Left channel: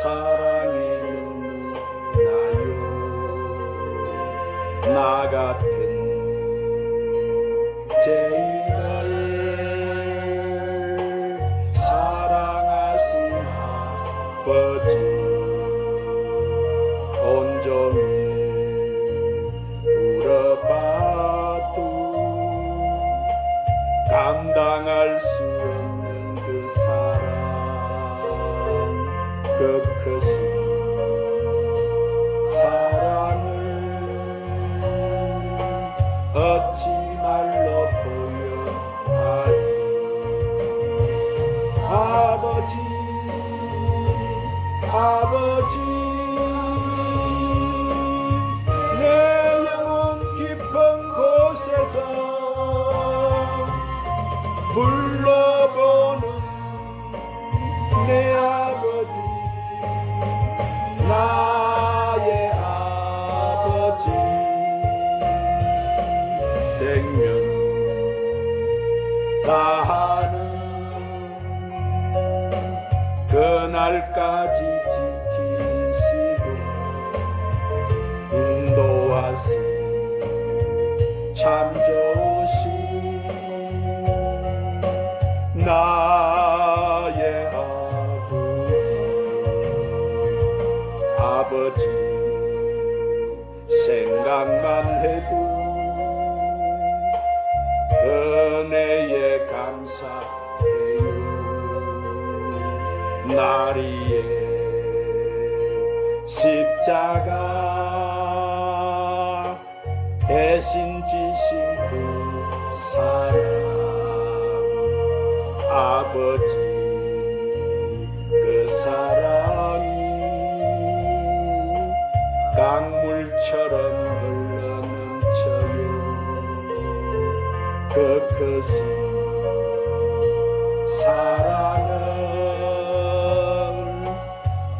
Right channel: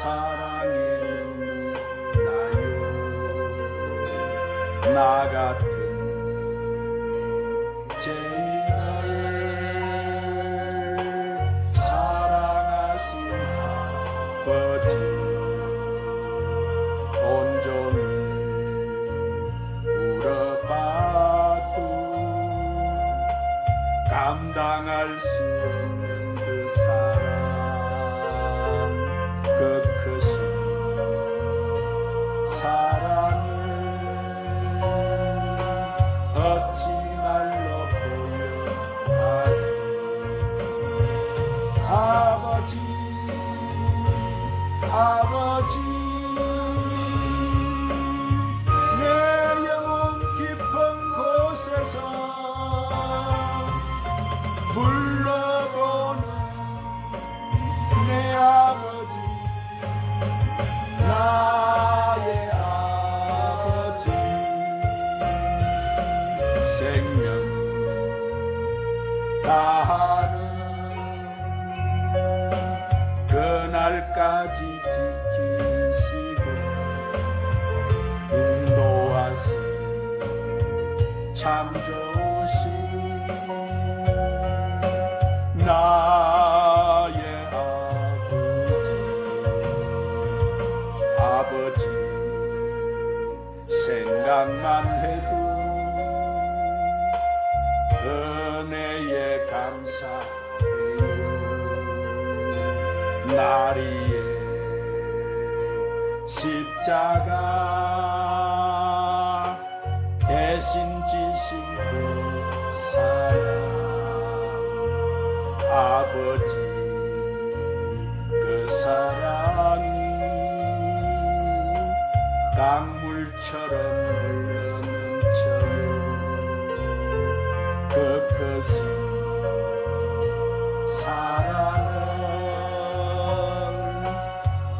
사랑의 눈물 나요. 나 같은 죄인을 사랑하신 아버지, 온종일 울어봐도 감당할 수 없는 그 사랑, 그 크신 사랑을 어찌 말로 표현하리. 아버지, 아버지, 내 영혼 깊은 곳에서 불러보는 내 아버지, 나의 아버지, 생명 다하는 그날까지 지키시고 인도하신 참 좋으신 나의 아버지, 생각만 해도 은혜에 감사해요. 나리의 십자가 대신 지신 그 사랑, 아버지, 그 사랑이 강물처럼 흘러넘쳐요. 그 크신 사랑을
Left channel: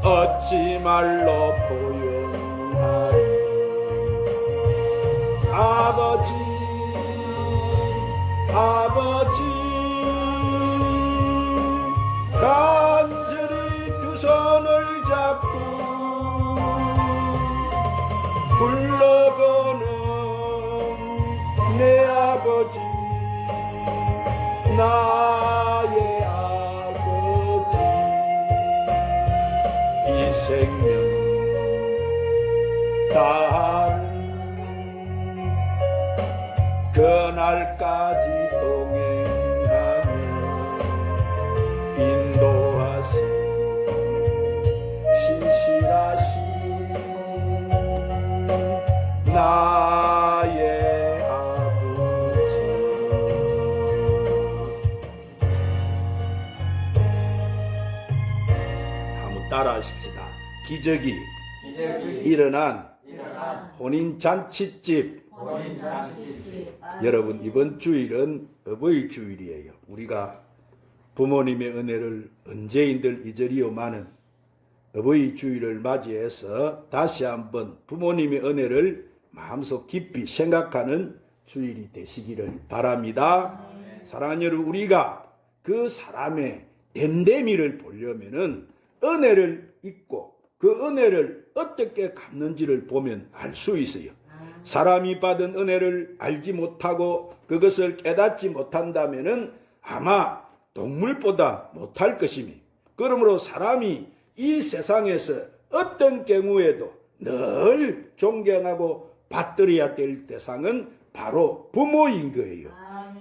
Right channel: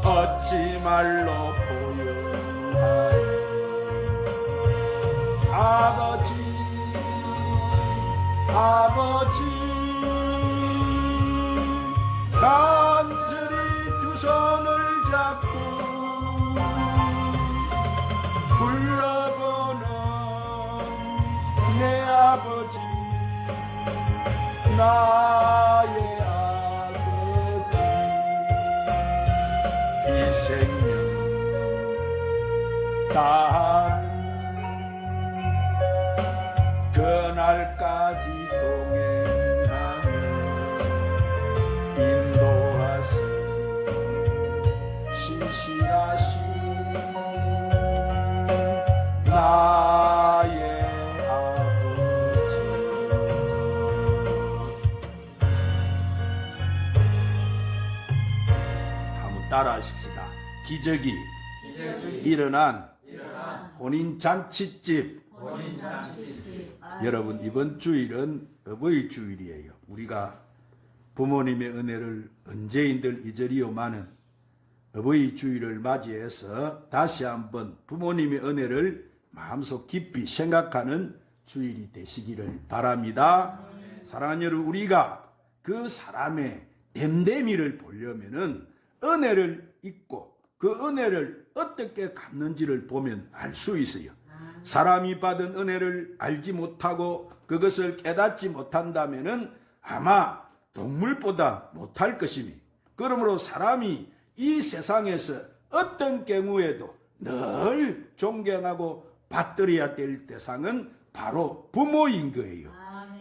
어찌 말로 표현하리. 아버지, 아버지, 간절히 두 손을 잡고 불러보는 내 아버지, 나의 아버지, 이 생명 다하는 그날까지 동행하며 인도하신 신실하신 나의 아버지. 한번 따라하십시다. 기적이 일어난 혼인잔치집. 여러분, 이번 주일은 어버이 주일이에요. 우리가 부모님의 은혜를 언제인들 잊으리오마는 어버이 주일을 맞이해서 다시 한번 부모님의 은혜를 마음속 깊이 생각하는 주일이 되시기를 바랍니다. 사랑하는 여러분, 우리가 그 사람의 됨됨이를 보려면은 은혜를 잊고 그 은혜를 어떻게 갚는지를 보면 알 수 있어요. 사람이 받은 은혜를 알지 못하고 그것을 깨닫지 못한다면은 아마 동물보다 못할 것이니, 그러므로 사람이 이 세상에서 어떤 경우에도 늘 존경하고 받들어야 될 대상은 바로 부모인 거예요.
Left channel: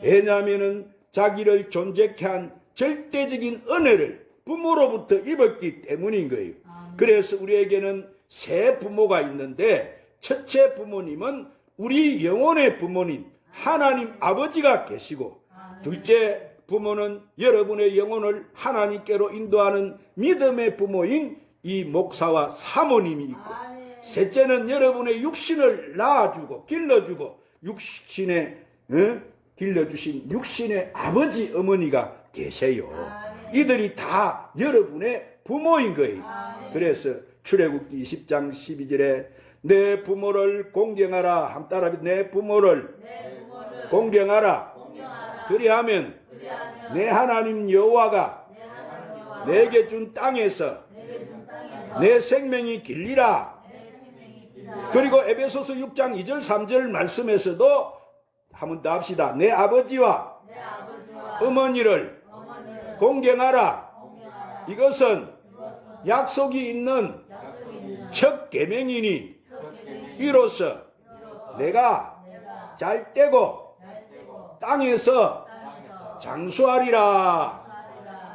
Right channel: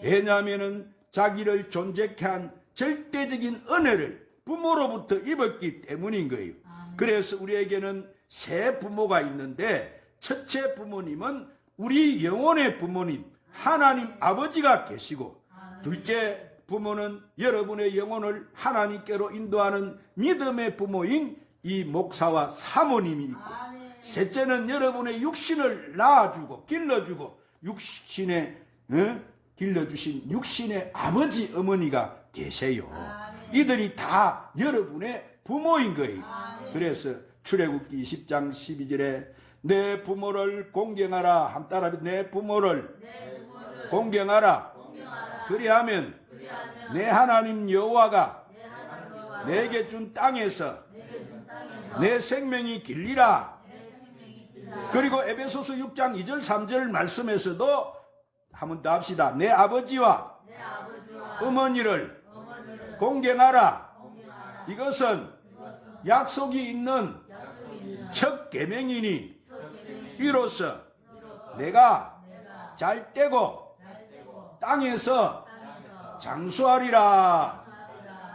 왜냐하면은 자기를 존재케 한 절대적인 은혜를 부모로부터 입었기 때문인 거예요. 그래서 우리에게는 세 부모가 있는데, 첫째 부모님은 우리 영혼의 부모님 하나님 아버지가 계시고, 둘째 부모는 여러분의 영혼을 하나님께로 인도하는 믿음의 부모인 이 목사와 사모님이 있고, 셋째는 여러분의 육신을 낳아주고 길러주고 육신에 길러주신 육신의 아버지 어머니가 계세요. 이들이 다 여러분의 부모인 거예요. 그래서 출애굽기 10장 12절에 내 부모를 공경하라. 한 따라 내 부모를 공경하라. 그리하면 내 하나님 여호와가 내게 준 땅에서 내 생명이 길리라. 그리고 에베소서 6장 2절 3절 말씀에서도 한번 더 합시다. 내 아버지와 어머니를 공경하라. 이것은 약속이 있는 첫 계명이니 이로써 내가 잘 되고 땅에서 장수하리라.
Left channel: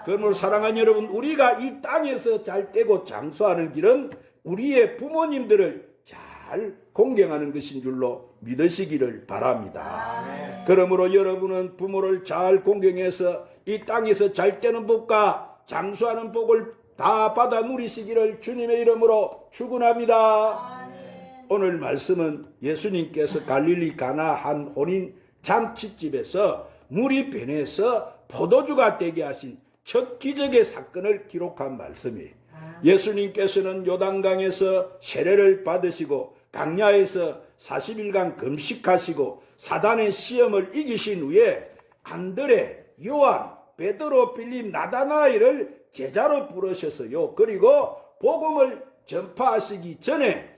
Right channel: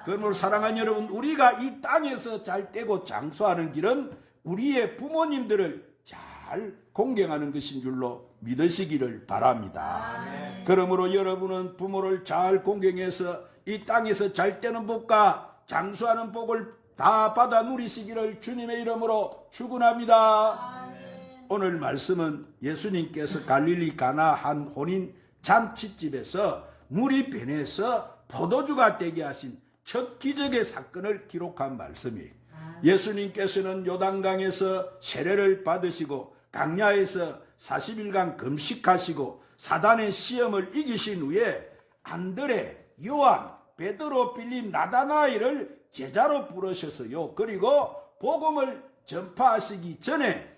그러므로 사랑하는 여러분, 우리가 이 땅에서 잘 되고 장수하는 길은 우리의 부모님들을 잘 공경하는 것인 줄로 믿으시기를 바랍니다. 그러므로 여러분은 부모를 잘 공경해서 이 땅에서 잘 되는 복과 장수하는 복을 다 받아 누리시기를 주님의 이름으로 축원합니다. 오늘 말씀은 예수님께서 갈릴리 가나 한 혼인 잔치집에서 물이 변해서 포도주가 되게 하신 첫 기적의 사건을 기록한 말씀이에요. 예수님께서는 요단강에서 세례를 받으시고 강야에서 40일간 금식하시고 사단의 시험을 이기신 후에 안드레, 요한, 베드로, 빌립, 나다나엘을 제자로 부르셨어요. 그리고 복음을 전파하시기 전에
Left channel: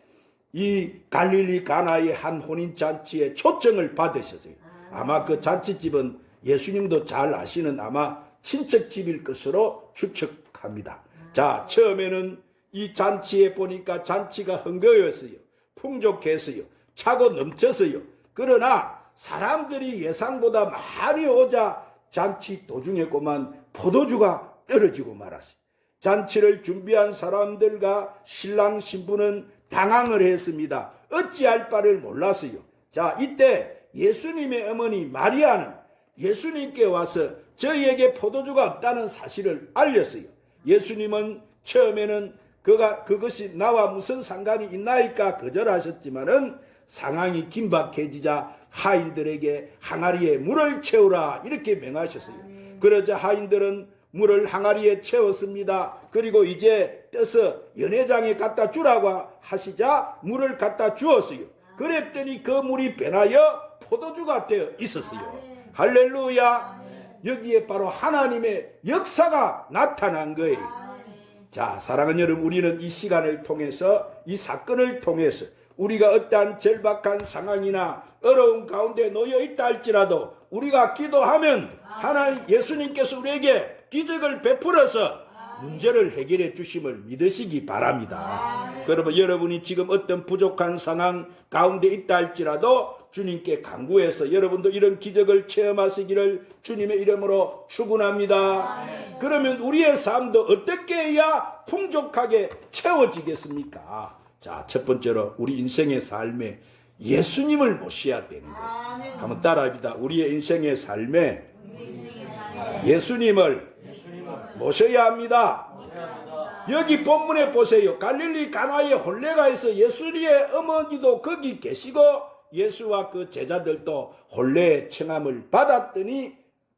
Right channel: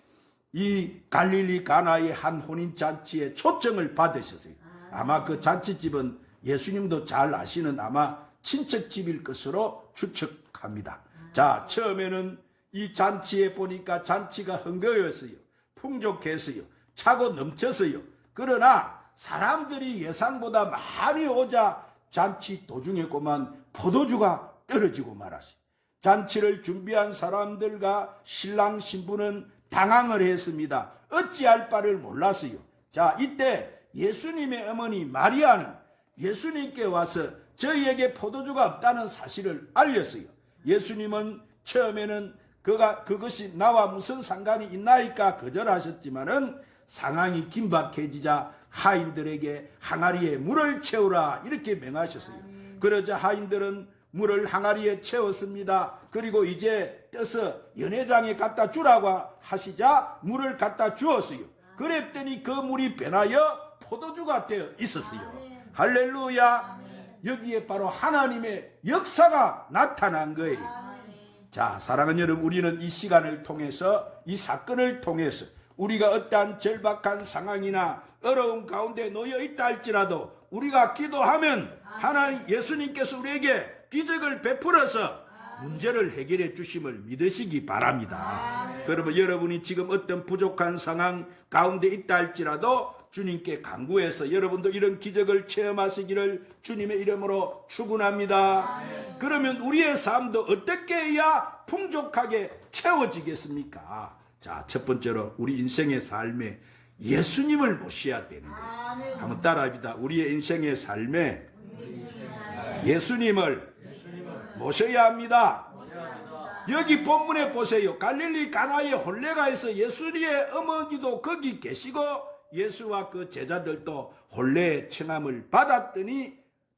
이 갈릴리 가나의 한 혼인잔치에 초청을 받으셨어요. 아마 그 잔치집은 예수님도 잘 아시는 아마 친척집일 것으로 추측합니다. 자, 처음에는 이 잔치에 보니까 잔치가 흥겨웠어요. 풍족했어요. 차고 넘쳤어요. 그러나 사람들이 예상보다 많이 오자 잔치 도중에고만 포도주가 떨어지고 말았어요. 잔치를 준비한 사람들과 신랑 신부는 당황을 했습니다. 어찌할 바를 몰랐어요. 자, 이때 예수님의 어머니 마리아는 예수님께 와서 저희에게 포도주가 없다는 사실을 알렸어요. 예수님은 처음에는 그것이 나와 무슨 상관이 있나이까 거절하셨지만은 상황이 긴박해지자 하인들에게 항아리에 물을 채우라 이렇게 명하셨어요. 그러자 하인들은 물을 항아리에 채웠습니다. 그리고 이제 떠서 연회장에 갖다 주라고 하시자 물을 갖다 주었어요. 그랬더니 그 물이 변하여 포도주가 되어 있었어요. 할렐루야. 여기에 바로 하나님의 역사가 나타난 거예요. 자, 사랑하는 여러분, 우리는 이 시간을 통해서, 이 사건을 통해서 우리가 어떠한 절박한 상황이나 어려운 가운데 놓여 있다 할지라도 우리가 기도하면 하나님 예수님께서 우리에게 기적을 베풀어서 문제를 해결해 주심을 믿으시기 바랍니다. 그러면 여러분이 지금 어떤 부족한 상황 가운데 있다 할지라도 주님께 간구해서 여러분도 이런 기적을 체험하시기를 주님의 이름으로 축원합니다. 그러면 우리의 삶도 어떻게 해야 풍족하게 채워지겠습니까? 자, 첫 번째로 우리 인생의 삶에 예수님을 모셔야 되는 거예요. 한번 따라합니다. 우리의 인생의 삶에 예수님을 모셔야 합니다. 여기 본문에 보세요. 갈릴리 가나의 혼례가에서 예수님의 어머니도 거기 계시고 예수와 그 제자들도 혼례의 청함을 받았더니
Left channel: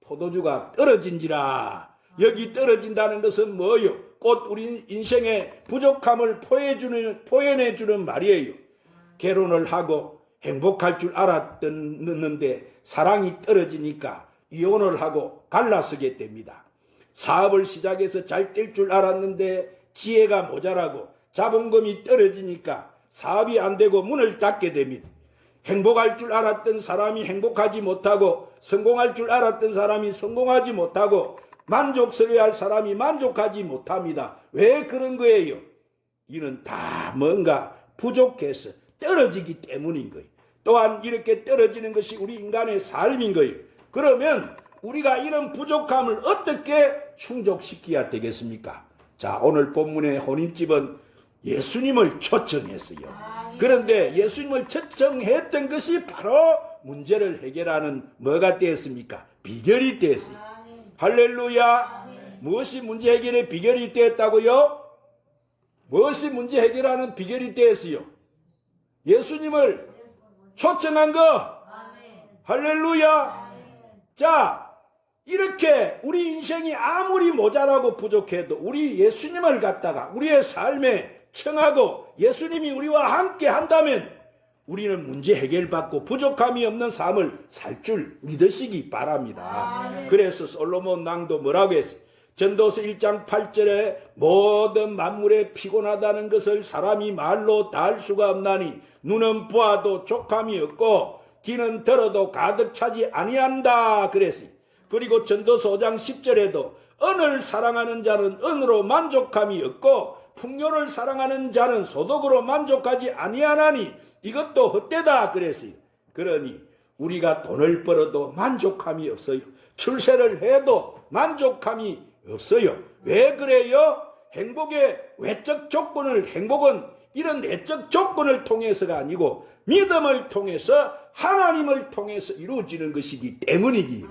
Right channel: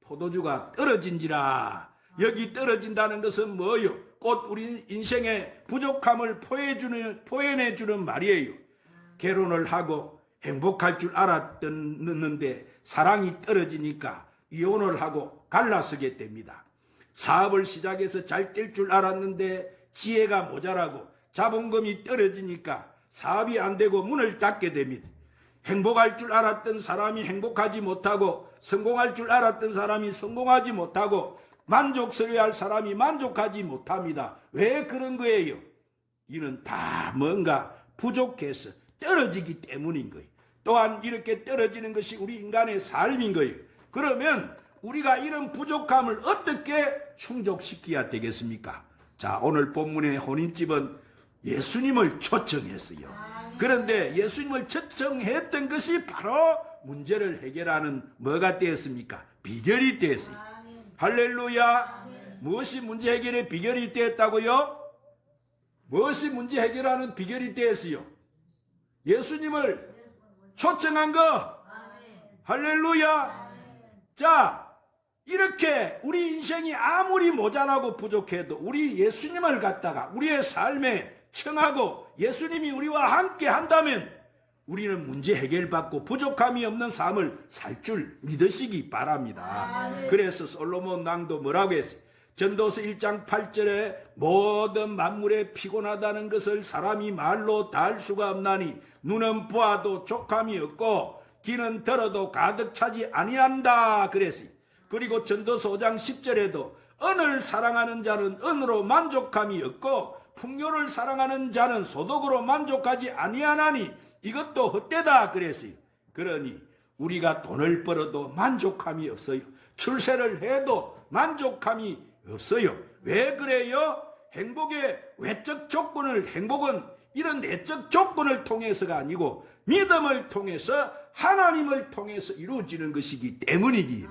포도주가 떨어진지라. 여기 떨어진다는 것은 뭐요? 곧 우리 인생의 부족함을 포현해주는 말이에요. 결혼을 하고 행복할 줄 알았는데 사랑이 떨어지니까 이혼을 하고 갈라서게 됩니다. 사업을 시작해서 잘 될 줄 알았는데 지혜가 모자라고 자본금이 떨어지니까 사업이 안 되고 문을 닫게 됩니다. 행복할 줄 알았던 사람이 행복하지 못하고 성공할 줄 알았던 사람이 성공하지 못하고 만족스러워할 사람이 만족하지 못합니다. 왜 그런 거예요? 이는 다 뭔가 부족해서 떨어지기 때문인 거예요. 또한 이렇게 떨어지는 것이 우리 인간의 삶인 거예요. 그러면 우리가 이런 부족함을 어떻게 충족시켜야 되겠습니까? 자, 오늘 본문의 혼인집은 예수님을 초청했어요. 그런데 예수님을 초청했던 것이 바로 문제를 해결하는 뭐가 되었습니까? 비결이 되었어요. 할렐루야. 무엇이 문제 해결의 비결이 되었다고요? 무엇이 문제 해결하는 비결이 되었어요? 예수님을 초청한 거. 할렐루야. 자, 이렇게 우리 인생이 아무리 모자라고 부족해도 우리 예수님을 갖다가 우리의 삶에 청하고 예수님이 우리와 함께 한다면 우리는 문제 해결받고 부족함이 없는 삶을 살 줄 믿으시기 바랍니다. 그래서 솔로몬 왕도 뭐라고 했어요? 전도서 1장 8절에 모든 만물에 피곤하다는 것을 사람이 말로 다 할 수가 없나니 눈은 보아도 족함이 없고 귀는 들어도 가득 차지 아니한다 그랬어요. 그리고 전도서 5장 10절에도 은을 사랑하는 자는 은으로 만족함이 없고 풍요를 사랑하는 자는 소득으로 만족하지 아니하나니 이것도 헛되다 그랬어요. 그러니 우리가 돈을 벌어도 만족함이 없어요. 출세를 해도 만족함이 없어요. 왜 그래요? 행복은 이런 내적 조건을 통해서가 아니고 믿음을 통해서 하나님을 통해서 이루어지는 것이기 때문이기.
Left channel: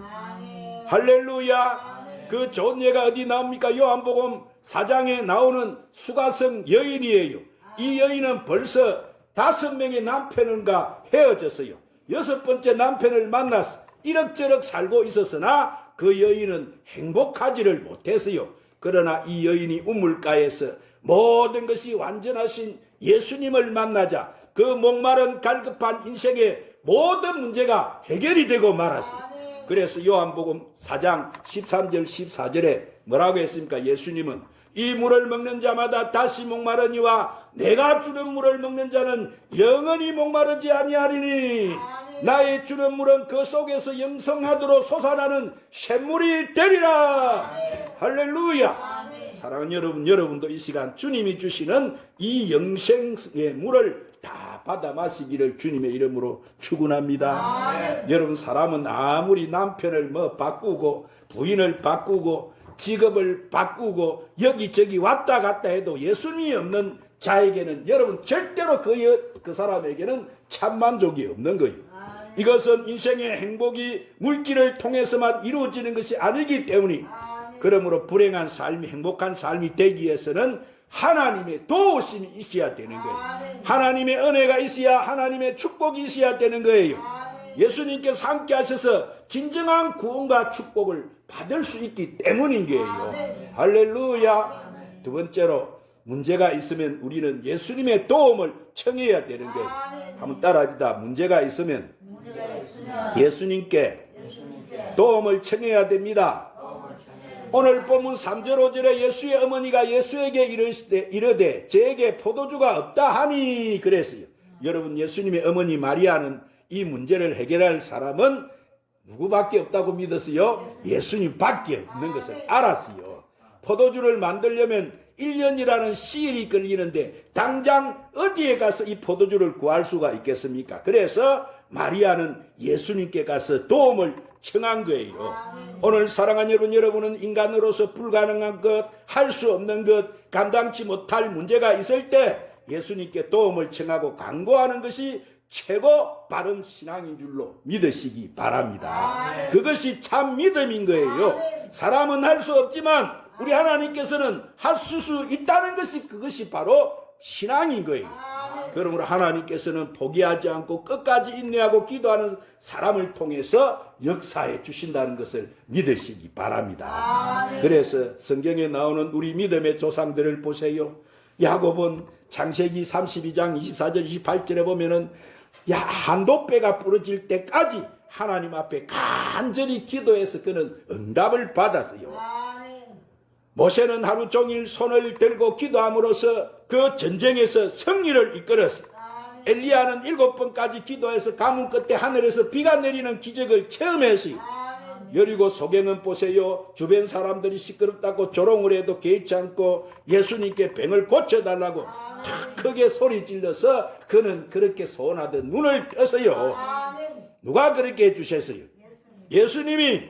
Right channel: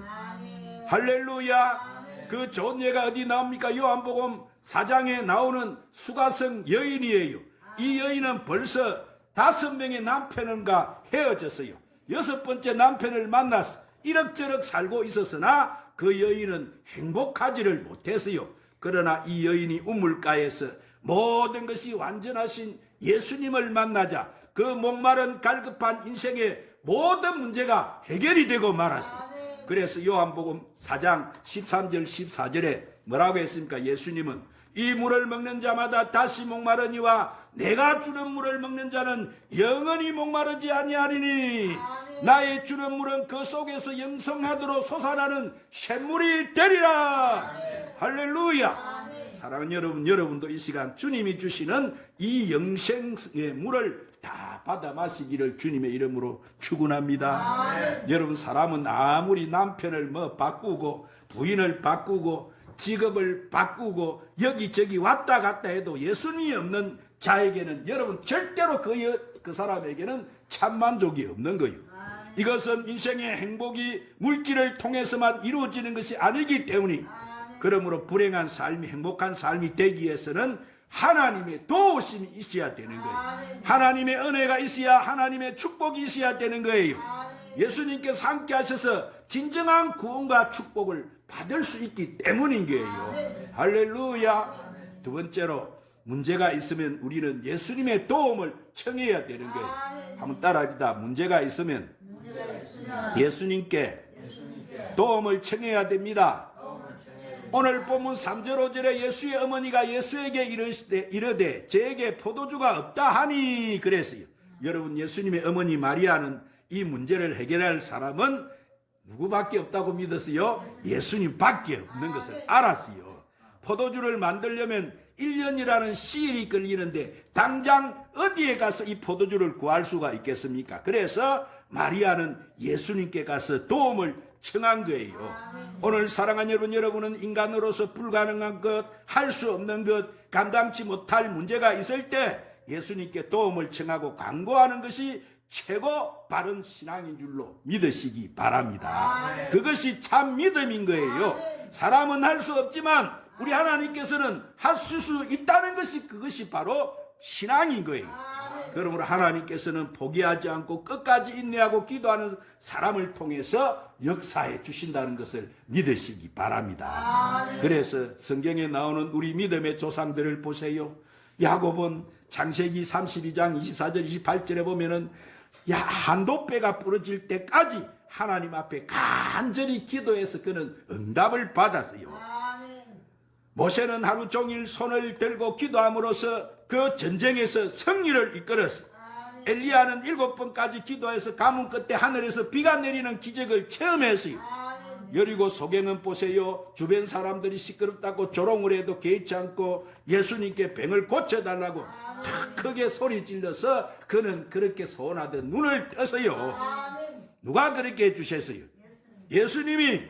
할렐루야. 그 좋은 예가 어디 나옵니까? 요한복음 4장에 나오는 수가성 여인이에요. 이 여인은 벌써 5명의 남편과 헤어졌어요. 6번째 남편을 만나서 이럭저럭 살고 있었으나 그 여인은 행복하지를 못했어요. 그러나 이 여인이 우물가에서 모든 것이 완전하신 예수님을 만나자 그 목마른 갈급한 인생의 모든 문제가 해결이 되고 말았어요. 그래서 요한복음 4장 13절 14절에 뭐라고 했습니까? 예수님은 이 물을 먹는 자마다 다시 목마르니와 내가 주는 물을 먹는 자는 영원히 목마르지 아니하리니 나의 주는 물은 그 속에서 영성하도록 솟아나는 샘물이 되리라. 할렐루야. 사랑하는 여러분, 여러분도 이 시간 주님이 주시는 이 영생의 물을 다 받아 마시기를 주님의 이름으로 축원합니다. 여러분, 사람은 아무리 남편을 바꾸고 부인을 바꾸고 직업을 바꾸고 여기저기 왔다 갔다 해도 예수님이 없는 자에게는 여러분 절대로 그 사람에게는 참 만족이 없는 거예요. 이것은 인생의 행복이 물질을 통해서만 이루어지는 것이 아니기 때문에 그러므로 불행한 삶이 행복한 삶이 되기 위해서는 하나님의 도우심이 있어야 되는 거예요. 하나님의 은혜가 있어야 하나님의 축복이 있어야 되는 거예요. 예수님께서 함께 하셔서 진정한 구원과 축복을 받을 수 있기 때문인 거예요. 할렐루야. 두 번째로 문제가 있으면 우리는 예수님의 도움을 청해야 되는 거예요. 한번 따라합니다. 문제가 있으면 예수님께 도움을 청해야 됩니다. 오늘 본문 3절 5절에 예수의 어머니가 예수에게 이르되 저에게 포도주가 없다 하니 그랬어요. 여러분, 예수님의 어머니 마리아는 이 문제를 해결할 사람은 누구밖에 없다고 믿었어요? 예수님밖에 없는 것을 알았어요. 포도주를 만들려면 1년이라는 시일이 걸리는데 당장 어디에 가서 이 포도주를 구할 수가 있겠습니까? 그래서 마리아는 예수님께 가서 도움을 청한 거예요. 오늘 사랑하는 여러분은 인간으로서 불가능한 것, 할 수 없는 것, 감당치 못할 문제가 있을 때 예수님께 도움을 청하고 간구하는 것이 최고 바른 신앙인 줄로 믿으시기 바랍니다. 그것이 참 믿음인 거예요. 사람은 할 수 없지만 우리 하나님께서는 하실 수 있다는 것이 그것이 바로 신앙인 거예요. 그러므로 하나님께서는 포기하지 않고 끝까지 인내하고 기도하는 사람을 통해서 역사해 주신다는 것을 믿으시기 바랍니다. 그래서 성경에 나오는 우리 믿음의 조상들을 보세요. 야곱은 창세기 32장 24절 28절에 보면은 한독배가 부러질 때까지 하나님 앞에 간절히 기도해서 그는 응답을 받았어요. 모세는 하루 종일 손을 들고 기도함으로써 그 전쟁에서 승리를 이끌었어요. 엘리야는 7번까지 기도해서 가뭄 끝에 하늘에서 비가 내리는 기적을 체험했어요. 여리고 소경은 보세요. 주변 사람들이 시끄럽다고 조롱을 해도 개의치 않고 예수님께 병을 고쳐달라고 크게 소리 질러서 그는 그렇게 소원하던 눈을 떴어요. 누가 그렇게 해주셨어요? 예수님이.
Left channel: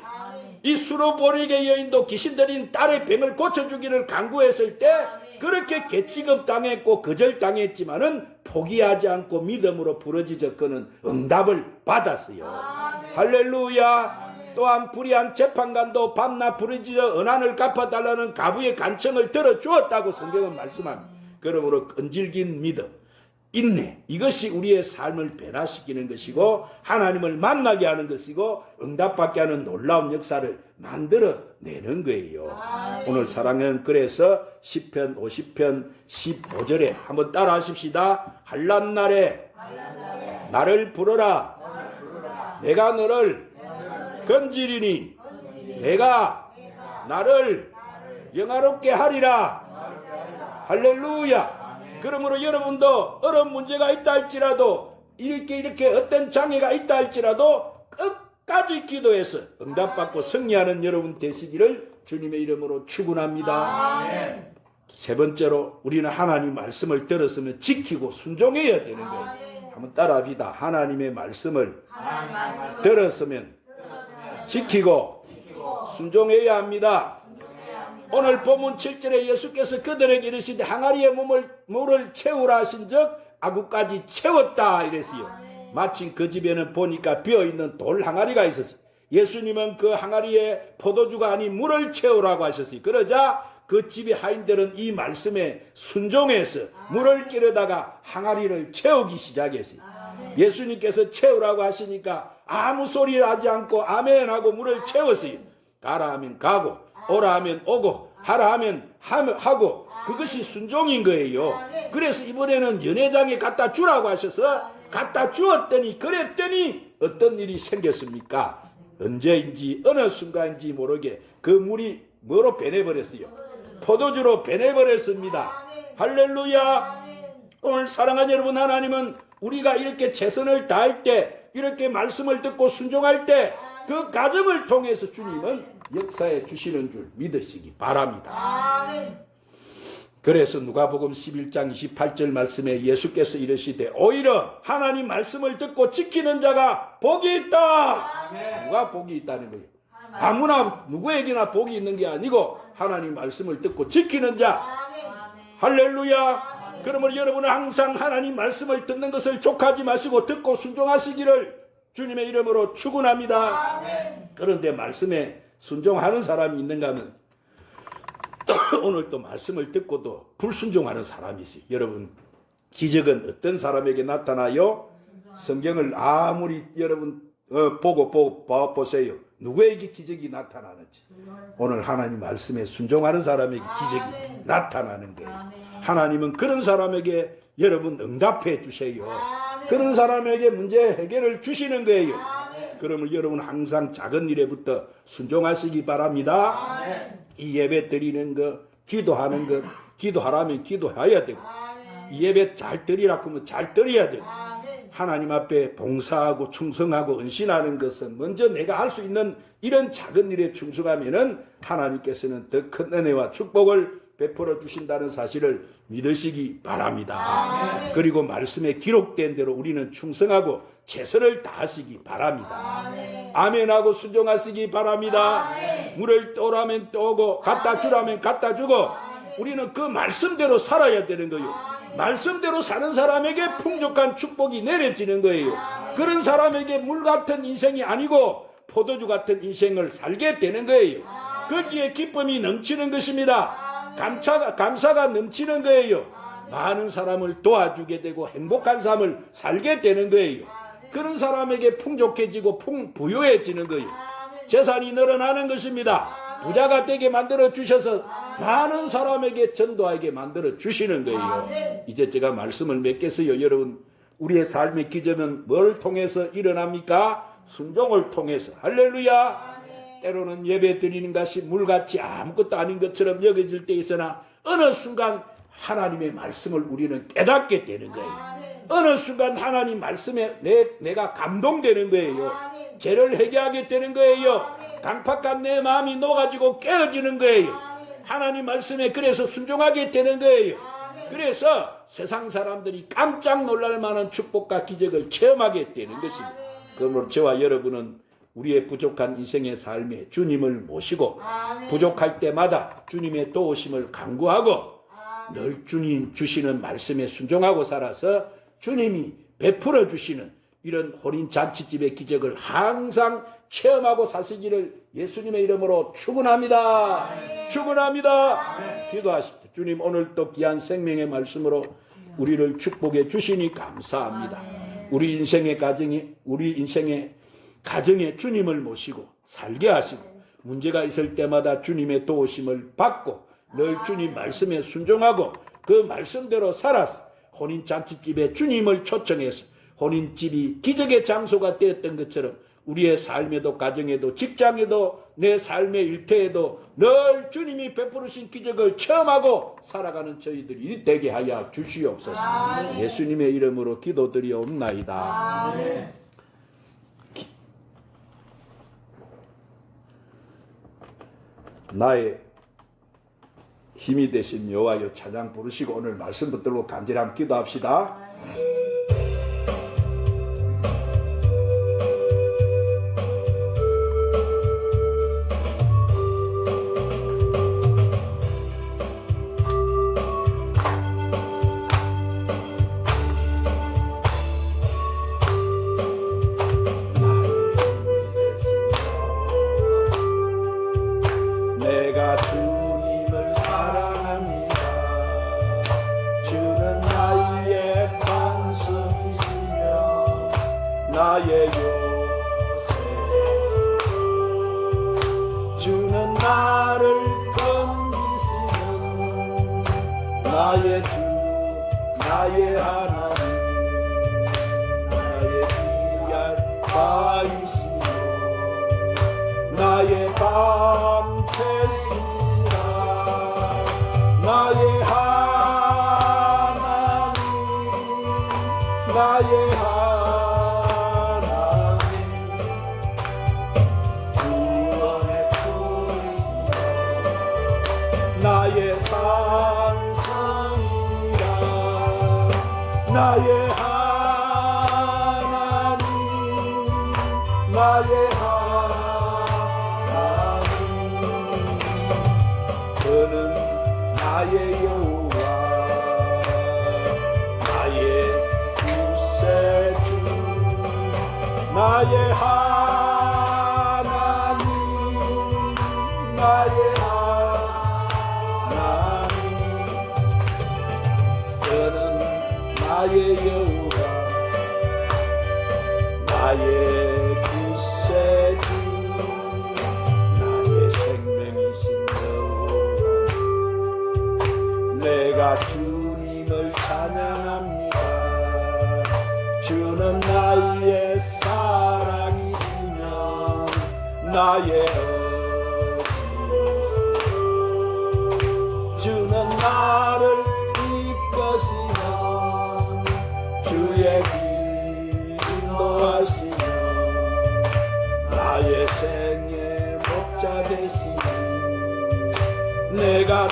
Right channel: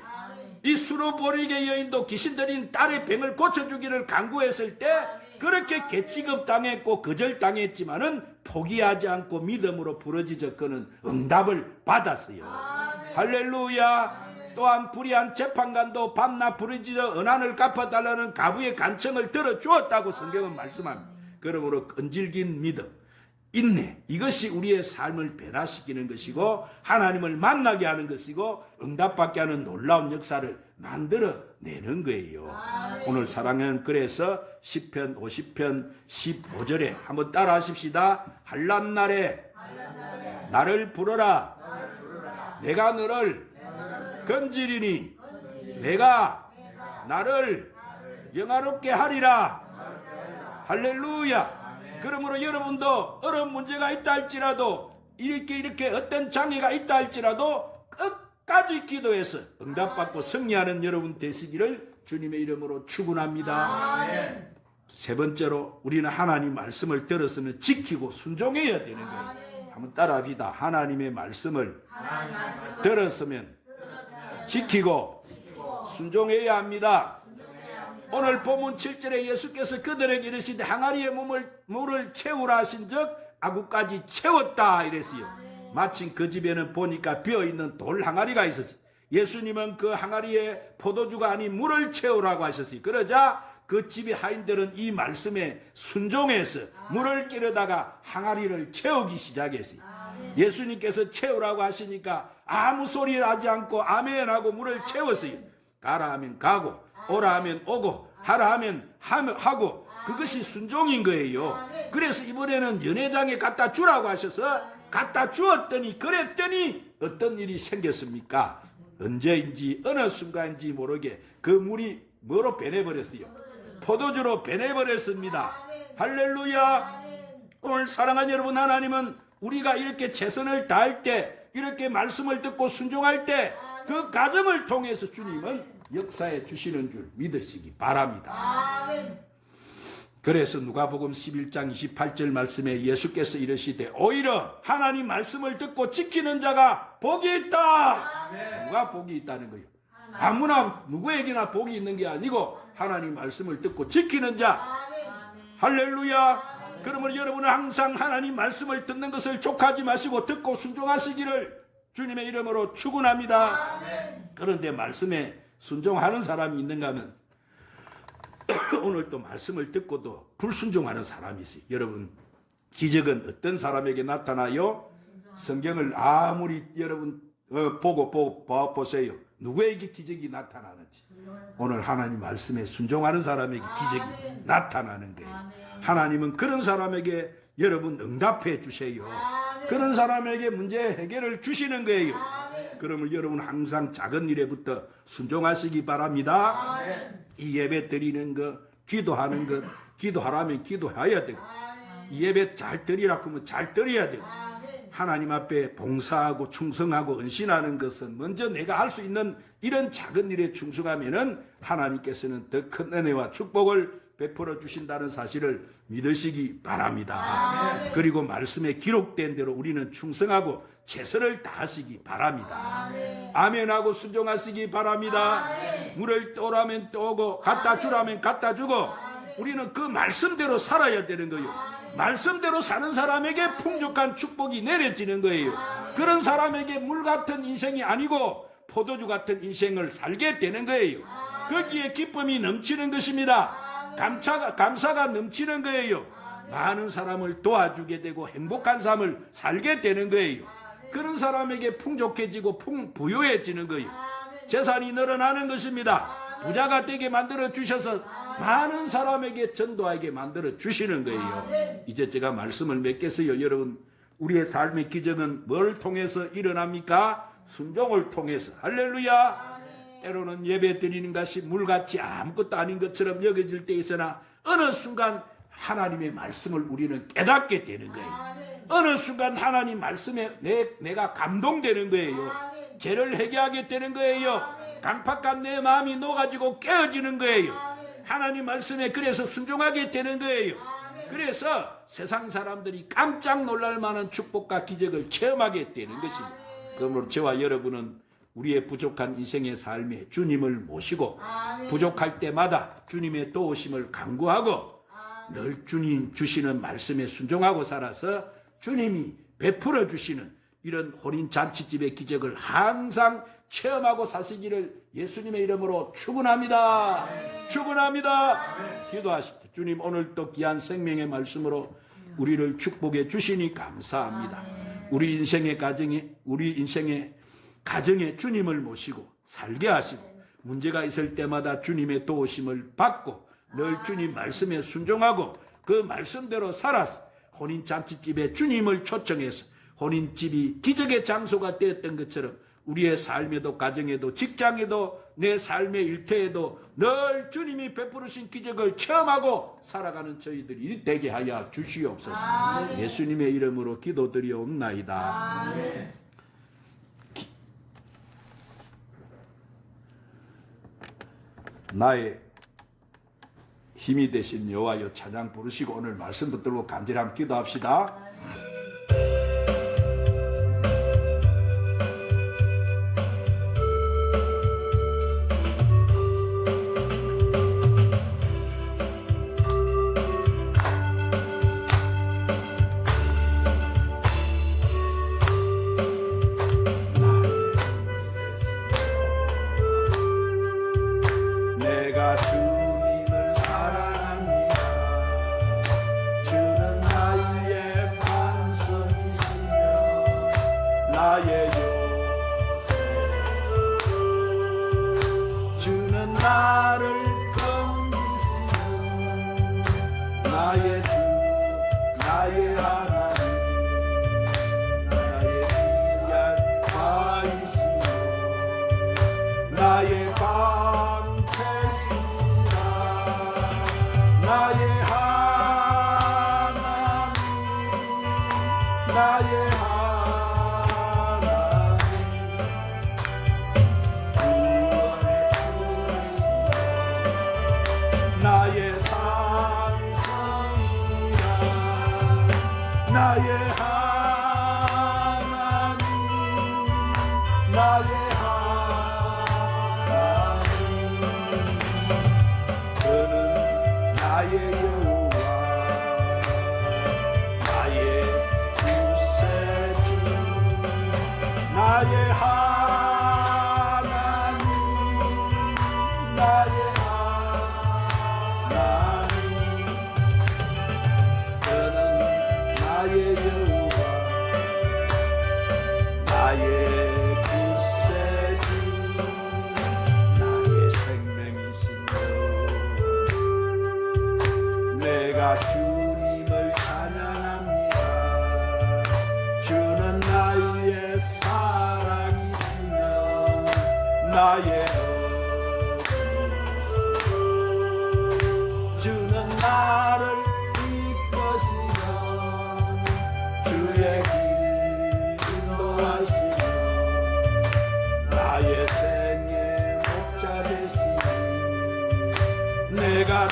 이 수로보리게 여인도 귀신 들린 딸의 병을 고쳐주기를 간구했을 때 그렇게 개취급당했고 거절당했지만은 포기하지 않고 믿음으로 부르짖어 그는 응답을 받았어요. 할렐루야. 또한 불의한 재판관도 밤낮 부르짖어 은한을 갚아달라는 가부의 간청을 들어주었다고 성경은 말씀합니다. 그러므로 끈질긴 믿음, 인내, 이것이 우리의 삶을 변화시키는 것이고 하나님을 만나게 하는 것이고 응답받게 하는 놀라운 역사를 만들어내는 거예요. 오늘 사랑은 그래서 시편 50편 15절에 한번 따라 하십시다. 한란날에 나를 부르라. 내가 너를 건지리니 내가 나를 영화롭게 하리라. 할렐루야. 그러므로 여러분도 어려운 문제가 있다 할지라도 이렇게 어떤 장애가 있다 할지라도 끝까지 기도해서 응답받고 승리하는 여러분 되시기를 주님의 이름으로 축원합니다. 세 번째로 우리는 하나님 말씀을 들었으면 지키고 순종해야 되는 거예요. 한번 따라합시다. 하나님의 말씀을 들었으면 지키고 순종해야 합니다. 오늘 본문 7절에 예수께서 그들에게 이르시되 항아리에 물을 채우라 하신 적 아구까지 채웠다 이랬어요. 마침 그 집에는 보니까 비어있는 돌 항아리가 있었어요. 예수님은 그 항아리에 포도주가 아닌 물을 채우라고 하셨어요. 그러자 그 집의 하인들은 이 말씀에 순종해서 물을 끼려다가 항아리를 채우기 시작했어요. 예수님께서 채우라고 하시니까 아무 소리 하지 않고 아멘 하고 물을 채웠어요. 가라 하면 가고 오라 하면 오고 하라 하면 하고 그것이 순종인 거예요. 그래서 이번에는 연회장에 갖다 주라고 하셔서 갖다 주었더니 그랬더니 어떤 일이 생겼습니까? 언제인지 어느 순간인지 모르게 그 물이 뭐로 변해버렸어요? 포도주로 변해버렸습니다. 할렐루야. 오늘 사랑하는 여러분, 하나님은 우리가 이렇게 최선을 다할 때 이렇게 말씀을 듣고 순종할 때 그 과정을 통해서 주님은 역사해 주시는 줄 믿으시기 바랍니다. 그래서 누가복음 11장 28절 말씀에 예수께서 이르시되 오히려 하나님 말씀을 듣고 지키는 자가 복이 있다. 누가 복이 있다는 거예요? 아무나 누구에게나 복이 있는 게 아니고 하나님 말씀을 듣고 지키는 자. 할렐루야. 그러므로 여러분은 항상 하나님 말씀을 듣는 것을 족하지 마시고 듣고 순종하시기를 주님의 이름으로 축원합니다. 그런데 말씀에 순종하는 사람이 있는가 하면 오늘 또 말씀을 듣고도 불순종하는 사람이 있어요. 여러분, 기적은 어떤 사람에게 나타나요? 성경을 아무리 여러분 보고 보세요. 누구에게 기적이 나타나는지. 오늘 하나님 말씀에 순종하는 사람에게 기적이 나타나는 거예요. 하나님은 그런 사람에게 여러분 응답해 주세요. 그런 사람에게 문제 해결을 주시는 거예요. 그러면 여러분 항상 작은 일에부터 순종하시기 바랍니다. 이 예배 드리는 거, 기도하는 것, 기도하라면 기도해야 되고, 이 예배 잘 드리라 하면 잘 드려야 되고, 하나님 앞에 봉사하고 충성하고 헌신하는 것은 먼저 내가 할 수 있는 이런 작은 일에 충성하면은 하나님께서는 더 큰 은혜와 축복을 베풀어 주신다는 사실을 믿으시기 바랍니다. 그리고 말씀에 기록된 대로 우리는 충성하고 최선을 다하시기 바랍니다. 아멘하고 순종하시기 바랍니다. 물을 떠오라면 떠오고 갖다 주라면 갖다 주고 우리는 그 말씀대로 살아야 되는 거예요. 말씀대로 사는 사람에게 풍족한 축복이 내려지는 거예요. 그런 사람에게 물 같은 인생이 아니고 포도주 같은 인생을 살게 되는 거예요. 거기에 기쁨이 넘치는 것입니다. 감사가 넘치는 거예요. 많은 사람을 도와주게 되고 행복한 삶을 살게 되는 거예요. 그런 사람에게 풍족해지고 부유해지는 거예요. 재산이 늘어나는 것입니다. 부자가 되게 만들어 주셔서 많은 사람에게 전도하게 만들어 주시는 거예요. 이제 제가 말씀을 맺겠어요. 여러분, 우리의 삶의 기적은 뭘 통해서 일어납니까? 순종을 통해서. 할렐루야. 때로는 예배 드리는 것이 물같이 아무것도 아닌 것처럼 여겨질 때 있으나 어느 순간 하나님의 말씀을 우리는 깨닫게 되는 거예요. 어느 순간 하나님 말씀에 내가 감동되는 거예요. 죄를 회개하게 되는 거예요. 강팍한 내 마음이 녹아지고 깨어지는 거예요. 하나님 말씀에 그래서 순종하게 되는 거예요. 그래서 세상 사람들이 깜짝 놀랄 만한 축복과 기적을 체험하게 되는 것입니다. 그러므로 저와 여러분은 우리의 부족한 인생의 삶에 주님을 모시고 부족할 때마다 주님의 도우심을 간구하고 늘 주님 주시는 말씀에 순종하고 살아서 주님이 베풀어 주시는 이런 혼인잔치집의 기적을 항상 체험하고 사시기를 예수님의 이름으로 축원합니다. 축원합니다. 기도하십시오. 주님, 오늘 또 귀한 생명의 말씀으로 우리를 축복해 주시니 감사합니다. 우리 인생의 가정에 주님을 모시고 살게 하시고 문제가 있을 때마다 주님의 도우심을 받고 늘 주님 말씀에 순종하고 그 말씀대로 살아서 혼인잔치집에 주님을 초청해서 혼인집이 기적의 장소가 되었던 것처럼 우리의 삶에도 가정에도 직장에도 내 삶의 일터에도 늘 주님이 베푸르신 기적을 체험하고 살아가는 저희들이 되게 하여 주시옵소서. 예수님의 이름으로 기도드리옵나이다. 나의 힘이 되신 여호와여 찬양 부르시고 오늘 말씀 붙들고 간절히 기도합시다. 내가 주님을 사랑합니다. 주는 나의 반석이시며 나의 요새. 주는 나를 건지시는 나의 주, 나의 하나님, 나의 귀한 바위시며 나의 나의 하나님, 나의 하나님, 구원의 터이시여 나의 산성이라 나의 하나님, 나의 나의 여호와 나의 구세주 나의 하나님 나의 하나님 그는 나의 여호와 나의 구세주 나의 생명이신 내가 주님을 찬양합니다. 주는 나의 사랑이시며 나의 어디시여 주는 나를 이끄시며 주의 길 인도하시며 나의 생의 목자 되시니 내가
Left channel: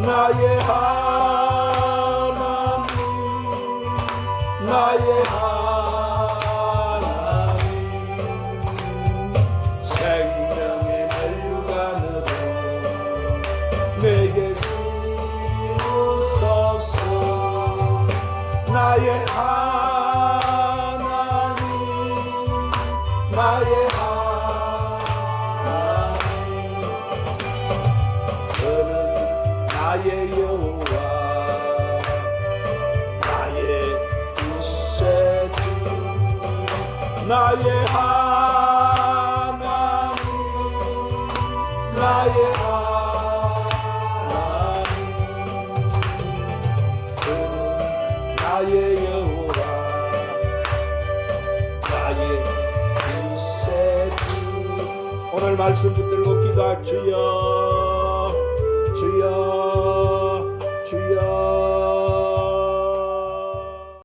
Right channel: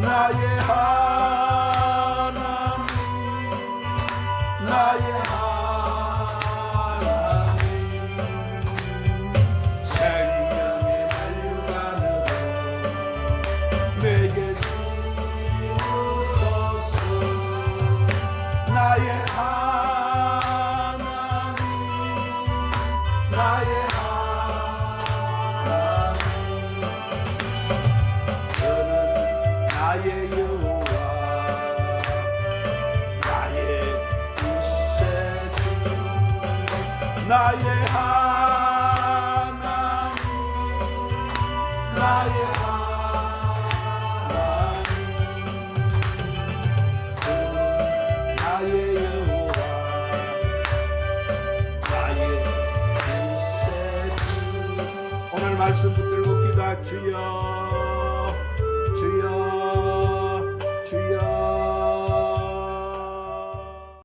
나의 하나님 나의 하나님 생명의 멸류관으로 내게 씌우소서 나의 하나님 나의 나의 여호와 나의 구세주 나의 하나님 나의 하나님 나의 여호와 나의 구세주 오늘 말씀 붙들고 기도하시오.